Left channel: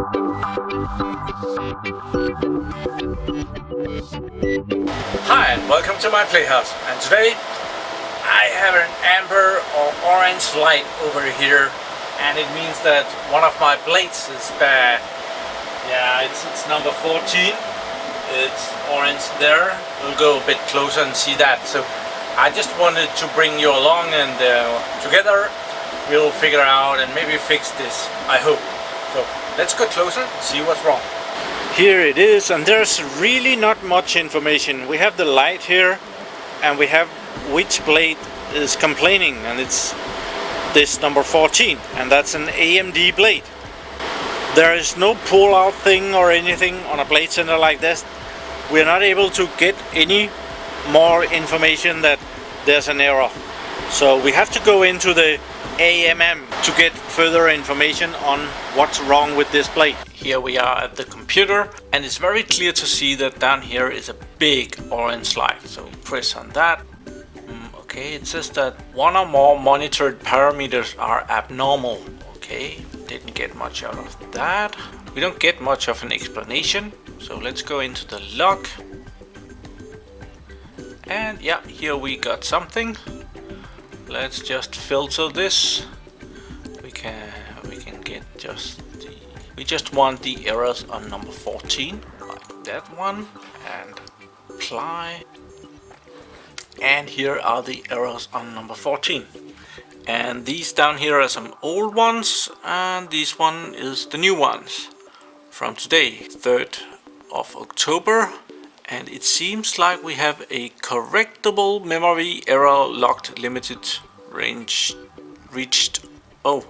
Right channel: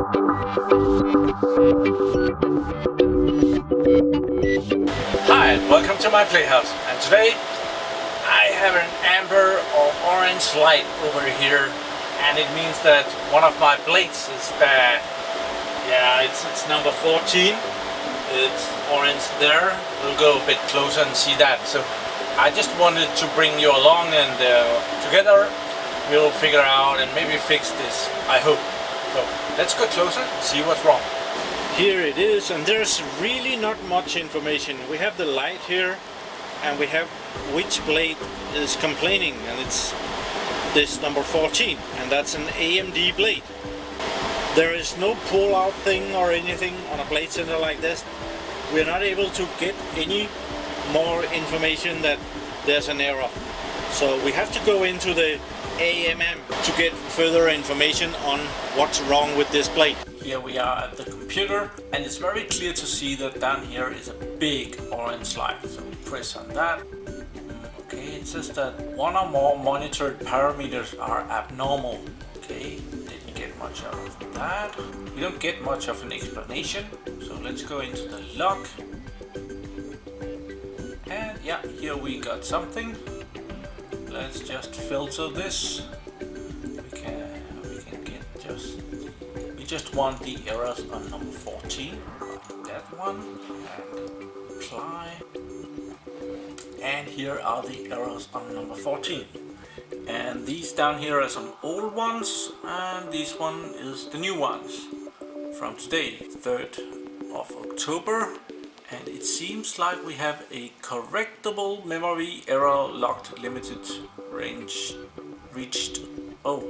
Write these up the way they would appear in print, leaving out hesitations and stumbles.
Hi, and welcome to my PlayHouse, and today I have an amber or orange light over here, and it means that one of my blades is bad. Yeah, it's number 14, it's orange there. We'll go a bit closer and see that. So I just wanted to bring you along, and together we'll figure out and maybe fix this, I hope. So let's go closer and see what's wrong. Here it is, and there's really not much information. We have the light here, and we have which blade is complaining, and it's this number 14, and that's an AMD blade. There is no pull-out thing or anything on a blade center like this. We're not able to get any more information that there's an error. So we have to go into the AMM to get further information on what's wrong with this blade. Here we are at the computer, and it's very clear to see that down here is a big orange light. So we press on that. Okay, it says that one or more monitored parameters are abnormal. Okay, didn't get much out of that. We don't get much of an explanation. So let's go into the log. And yeah, here we got something. Let's just filter this. We can get we just want the errors on number 14, like that one, and apply. And here are the errors on number 14. And these down here are some old ones, and this one is the new ones from today, 3rd of October. And it seems like we have a correctable memory error locked limited range reached. Oh,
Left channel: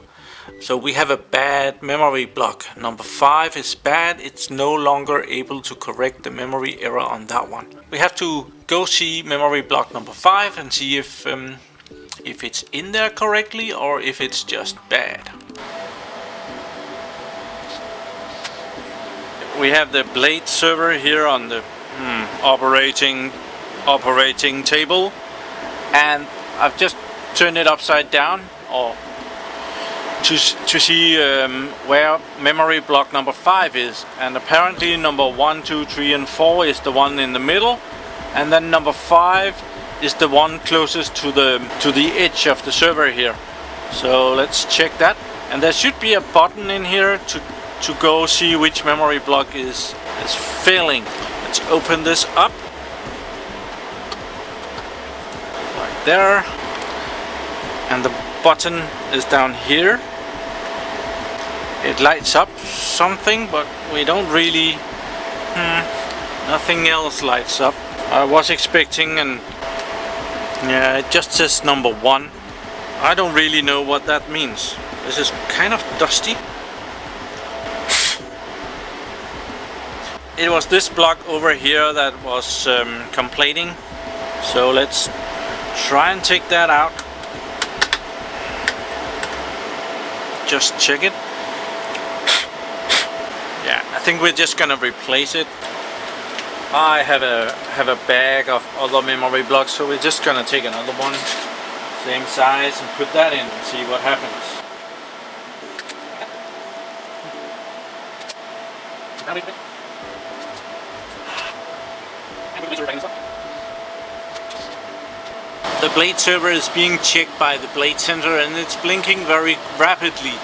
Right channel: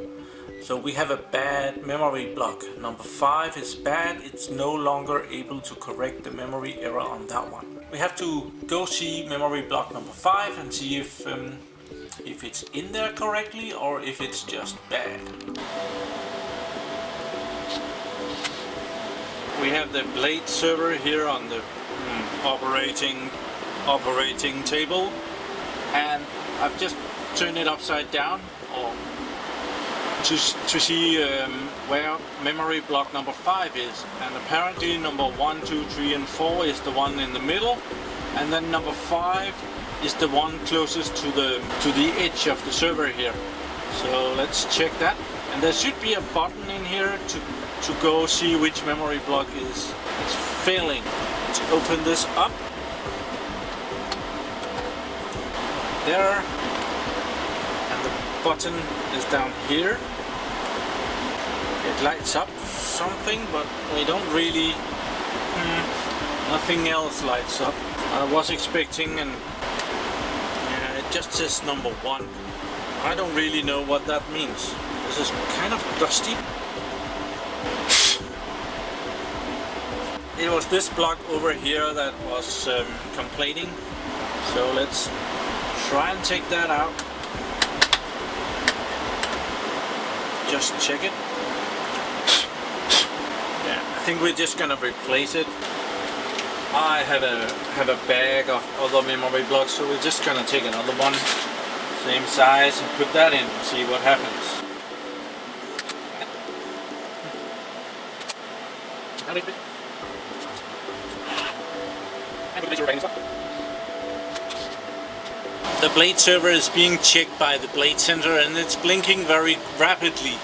so we have a bad memory block. Number 5 is bad. It's no longer able to correct the memory error on that one. We have to go see memory block number 5 and see if it's in there correctly or if it's just bad. We have the blade server here on the operating table, and I've just turned it upside down or to see where memory block number 5 is, and apparently number 1, 2, 3 and 4 is the one in the middle, and then number 5 is the one closest to the edge of the server here. So let's check that, and there should be a button in here to go see which memory block is failing. Let's open this up. Right there. And the button is down here. It lights up something, but we don't really... nothing else lights up. I was expecting, and yeah, it just says number 1. I don't really know what that means. This is kind of dusty. It was this block over here that was complaining. So let's try and take that out. Just check it. Yeah, I think we're just gonna replace it. I have a bag of other memory blocks, so we're just gonna take another one, same size, and put that in and see what happens. The blade server is being checked by the blade center, and it's blinking very rapidly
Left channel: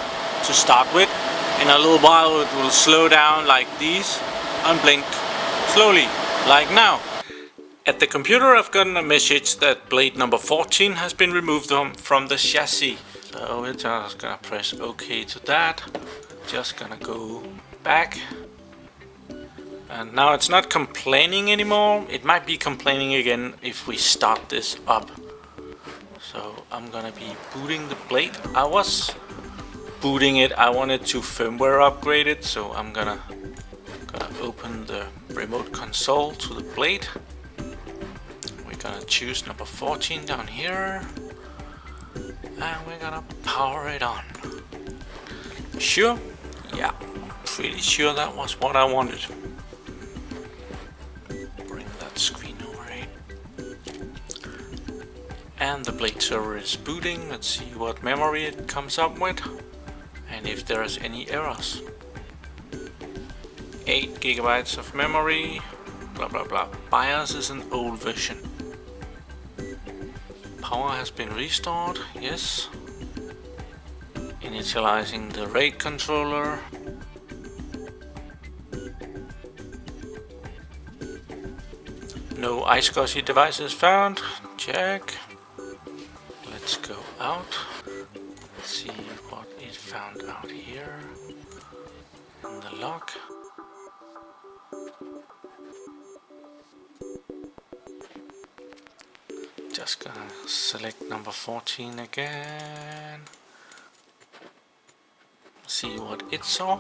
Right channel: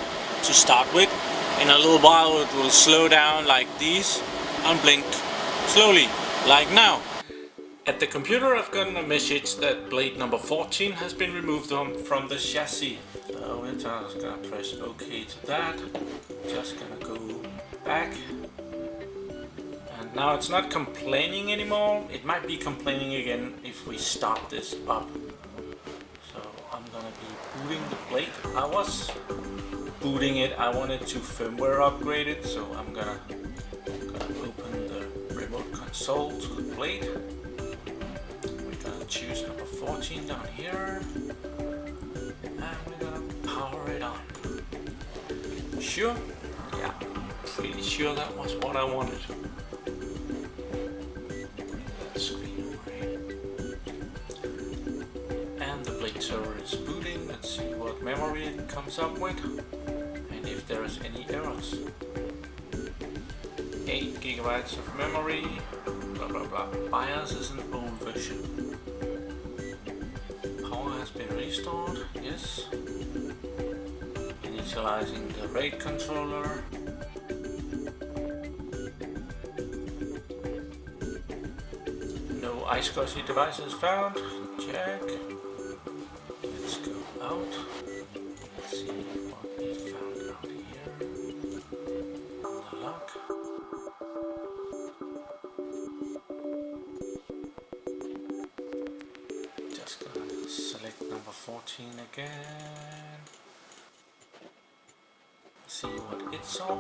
to start with. In a little while it will slow down like these and blink slowly, like now. At the computer I've gotten a message that blade number 14 has been removed from the chassis. So we're just gonna press OK to that. Just gonna go back. And now it's not complaining anymore. It might be complaining again if we start this up. So I'm gonna be booting the blade. I was booting it. I wanted to firmware upgrade it, so I'm gonna open the remote console to the blade. We're gonna choose number 14 down here, and we're gonna power it on. Sure? Yeah, pretty sure that was what I wanted. Bring that screen over here. And the blade server is booting. Let's see what memory it comes up with and if there's any errors. 8 gigabytes of memory, blah blah blah. BIOS is an old version. Power has been restored, yes. Initializing the RAID controller. No iSCSI devices found, check. Let's go out. Let's see what it found out here in the log. Just gonna select number 14 again. See what it saw.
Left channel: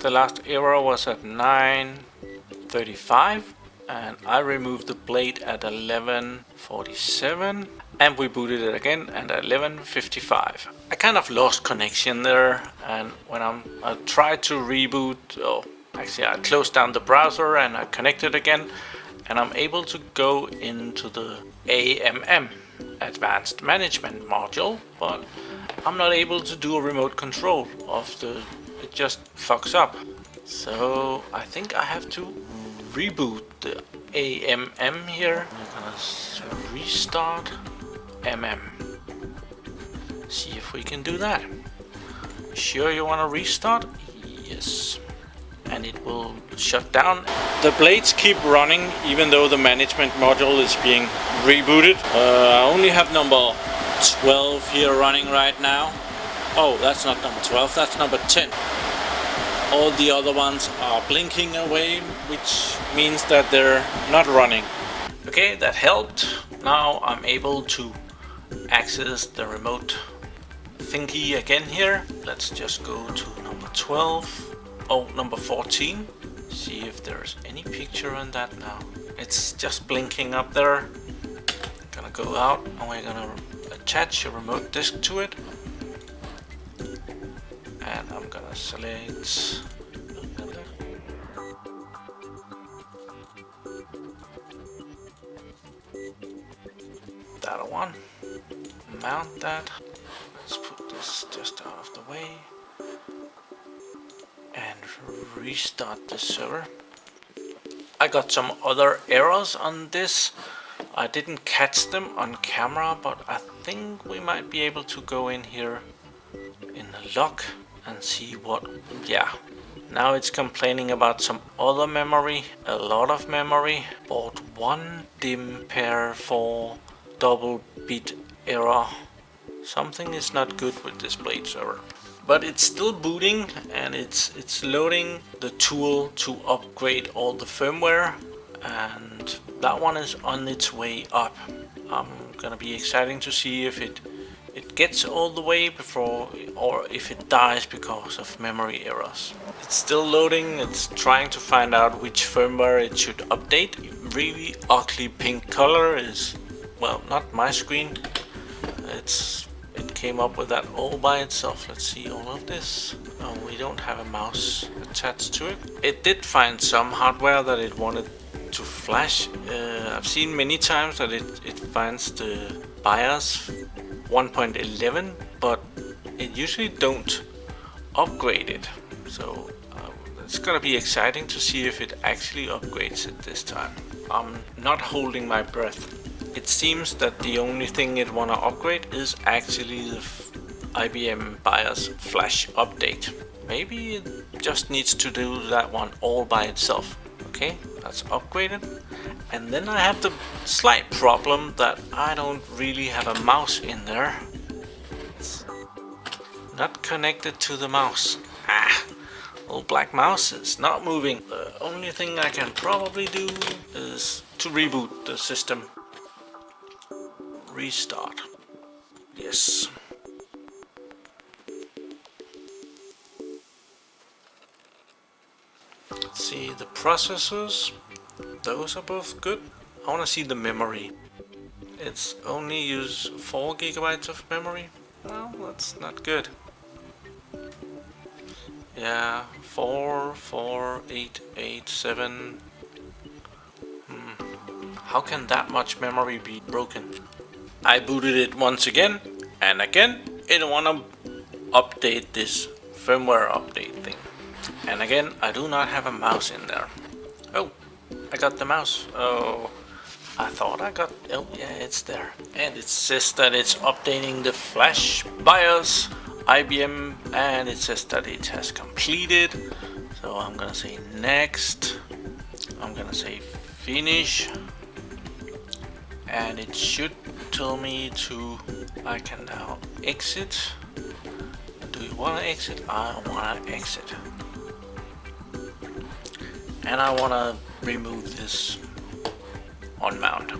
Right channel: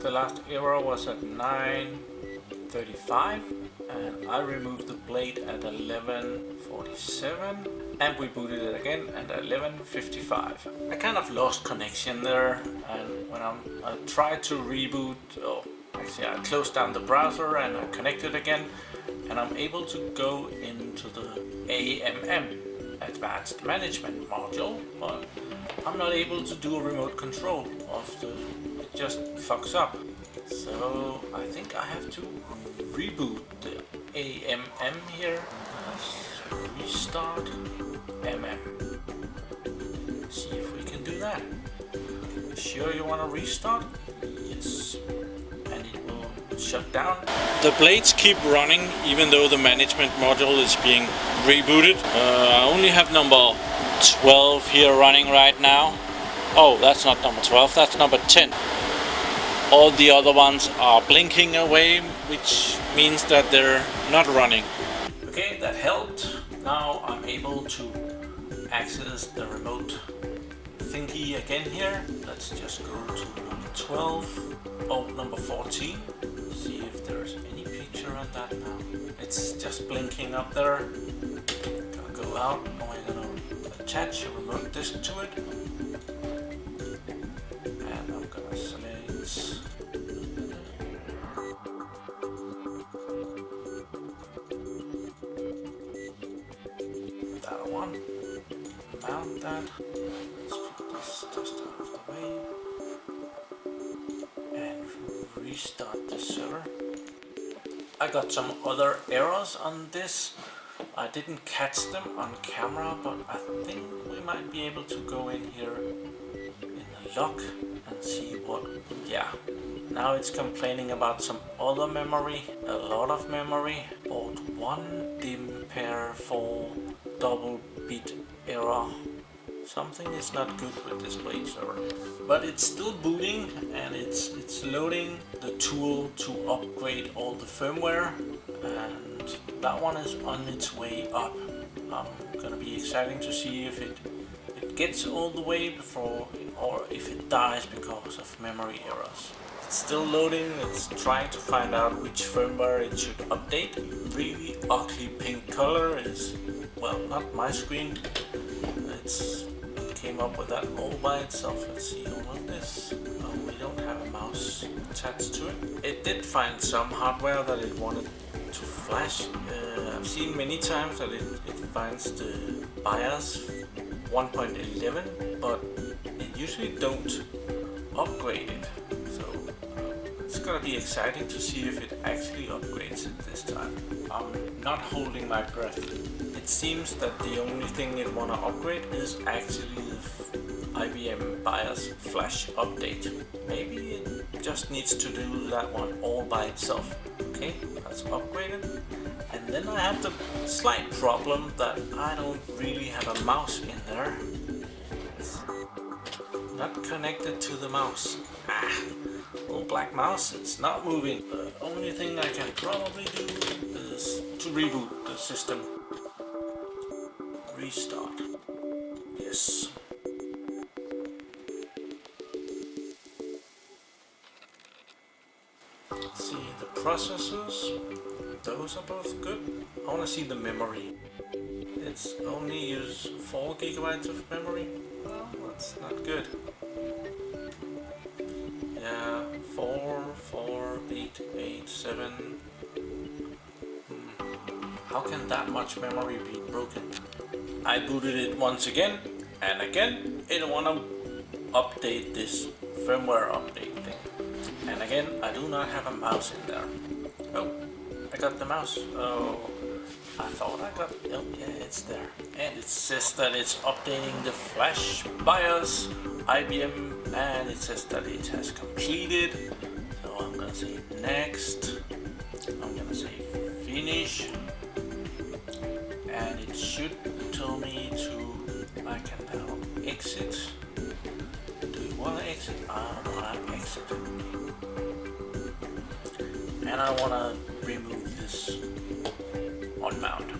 The last error was at 9:35 and I removed the blade at 11:47 and we booted it again at 11:55. I kind of lost connection there, and when I tried to reboot, actually I closed down the browser and I connected again, and I'm able to go into the AMM, Advanced Management module, but I'm not able to do a remote control of it just fucks up. So I think I have to reboot the AMM here. Let's restart MM. See if we can do that. Sure you want to restart? Yes. And it will shut down. The blades keep running even though the management module is being rebooted. I only have number 12 here running right now. Oh, that's not number 12, that's number 10. All the other ones are blinking away, which means that they're not running. Okay, that helped. Now I'm able to access the remote thingy again here. Let's just go to number 12. Oh, number 14. See if there's any picture in that now. It's just blinking up there. Gonna go out and we're gonna attach a remote disk to it. And I'm gonna select that one. Mount that. Let's put this just out of the way. And restart the server. I got some other errors on this. I didn't catch them on camera, but I think we might be able to go in here in the log and see what. Yeah, now it's complaining about some other memory, a lot of memory. Port 1 dim pair 4 double bit error. Something is not good with this Blade server. But it's still booting and it's loading the tool to upgrade all the firmware, and that one is on its way up. I'm gonna be exciting to see if it gets all the way before, or if it dies because of memory errors. It's still loading, it's trying to find out which firmware it should update. Really ugly pink color is, well, not my screen. It came up with that all by itself. Let's see all of this. Oh, we don't have a mouse attached to it. It did find some hardware that it wanted to flash. I've seen many times that it finds the BIOS 1.11, but it usually don't upgrade it. So it's gonna be exciting to see if it actually upgrades it this time. I'm not holding my breath. It seems that the only thing it wanna upgrade is actually the IBM BIOS flash update. Maybe it just needs to do that one all by itself. Okay, that's upgraded. And then I have the slight problem that I don't really have a mouse in there. It's not connected to the mouse. Little black mouse is not moving. The only thing I can probably do is to reboot the system. Restart. Yes. Let's see the processors. Those are both good. I want to see the memory. It's only use 4 gigabytes of memory. Well, that's not good. Yeah, 4, 4, 8, 8, 7. How can that much memory be broken? I booted it once again, and again, it wanna update this firmware update thing. And again, I do not have a mouse in there. Oh, I got the mouse. Oh, I thought I got, oh yeah, it's there. And it says that it's updating the flash BIOS IBM, and it says that it has completed. So I'm gonna say next. I'm gonna say finish. And it should tell me to, I can now exit. Do you wanna exit? I wanna exit. And I wanna remove this on mount.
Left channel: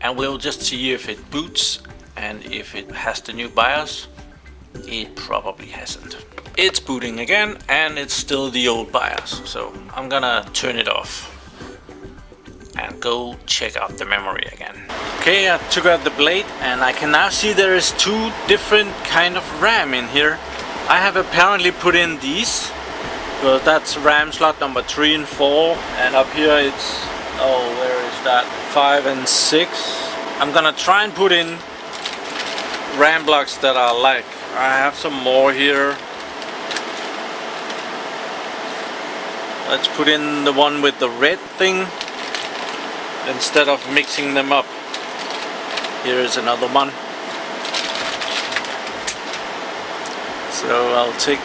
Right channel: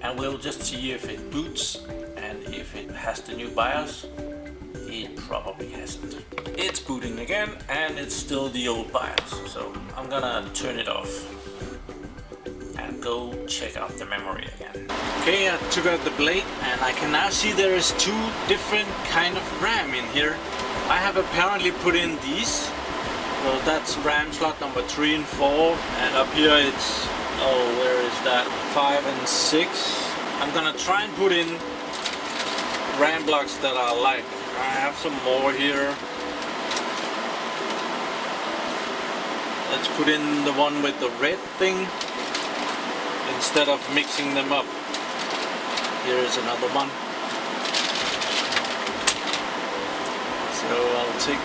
And we'll just see if it boots and if it has the new BIOS. It probably hasn't. It's booting again and it's still the old BIOS. So I'm gonna turn it off and go check out the memory again. Okay, I took out the Blade and I can now see there is two different kind of RAM in here. I have apparently put in these. Well, that's RAM slot number 3 and 4, and up here it's, oh, where is that, 5 and 6. I'm gonna try and put in RAM blocks that I like. I have some more here. Let's put in the one with the red thing instead of mixing them up. Here is another one. So I'll take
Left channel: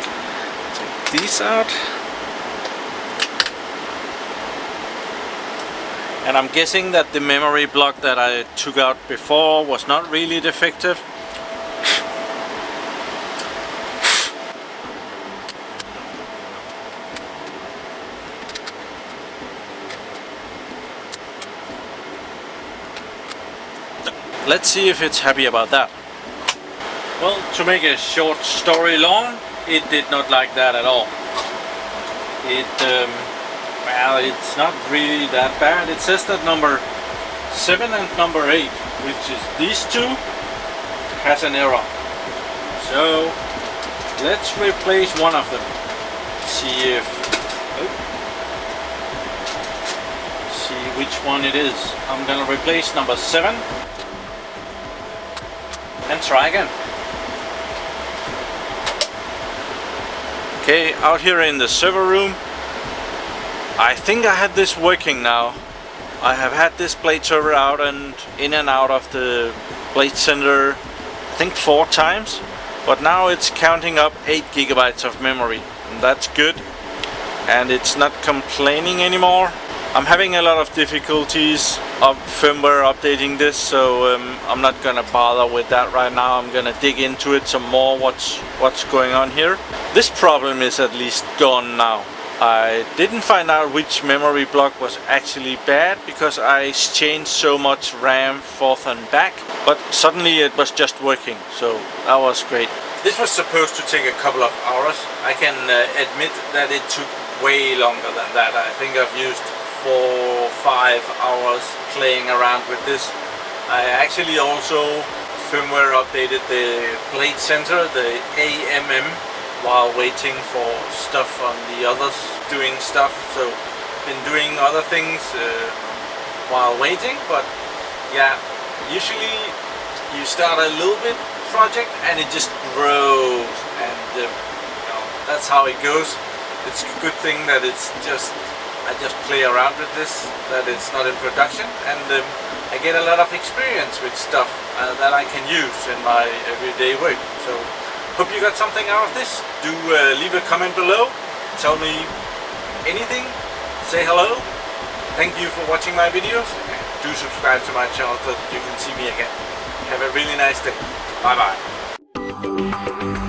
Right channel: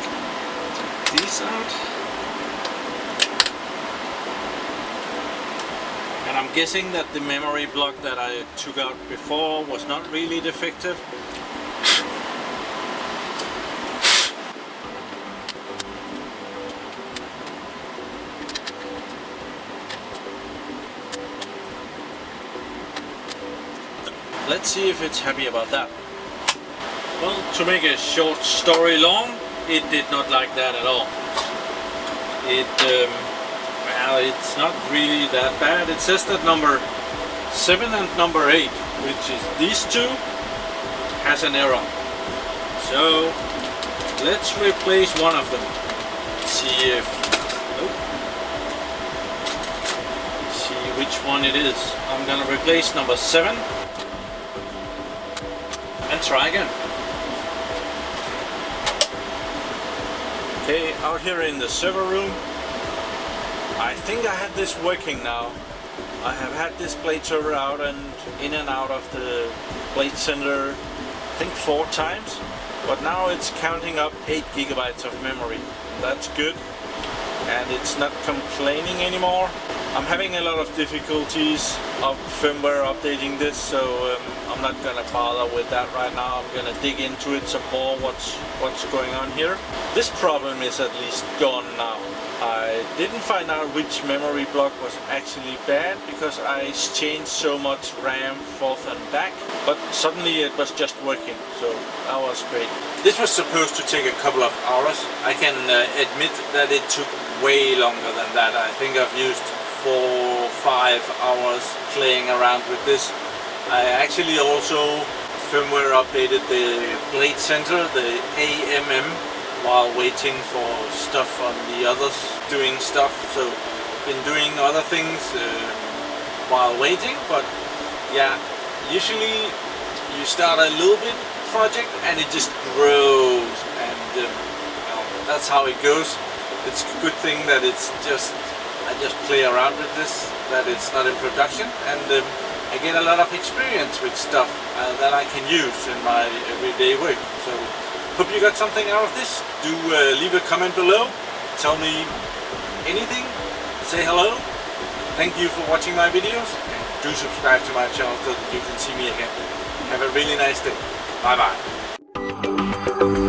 these out. And I'm guessing that the memory block that I took out before was not really defective. Let's see if it's happy about that. Well, to make a short story long, it did not like that at all. Well, it's not really that bad. It says that number 7 and number 8, which is these two, has an error. So let's replace one of them. See if, see which one it is. I'm gonna replace number 7 and try again. Okay, out here in the server room, I think I had this working now. I have had this Blade server out and in and out of the Blade Center, I think 4 times, but now it's counting up 8 gigabytes of memory, and that's good, and it's not complaining anymore. I'm having a lot of difficulties of firmware updating this, so I'm not gonna bother with that right now. I'm gonna dig into it some more, what's going on here. This problem is at least gone now. I didn't find out which memory block was actually bad because I changed so much RAM forth and back, but suddenly it was just working, so that was great. This was supposed to take a couple of hours. I can admit that it took way longer than that. I think I've used 4 or 5 hours playing around with this. I actually also firmware updated the Blade Center, the AMM, while waiting for stuff on the others doing stuff. So been doing other things while waiting, but yeah, usually you start a little bit project and it just grows, and you know, that's how it goes. It's a good thing that it's just, I just play around with this, that it's not in production, and I get a lot of experience with stuff that I can use in my everyday work. So hope you got something out of this. Do leave a comment below, tell me anything, say hello. Thank you for watching my videos, and do subscribe to my channel so that you can see me again. Have a really nice day. Bye bye.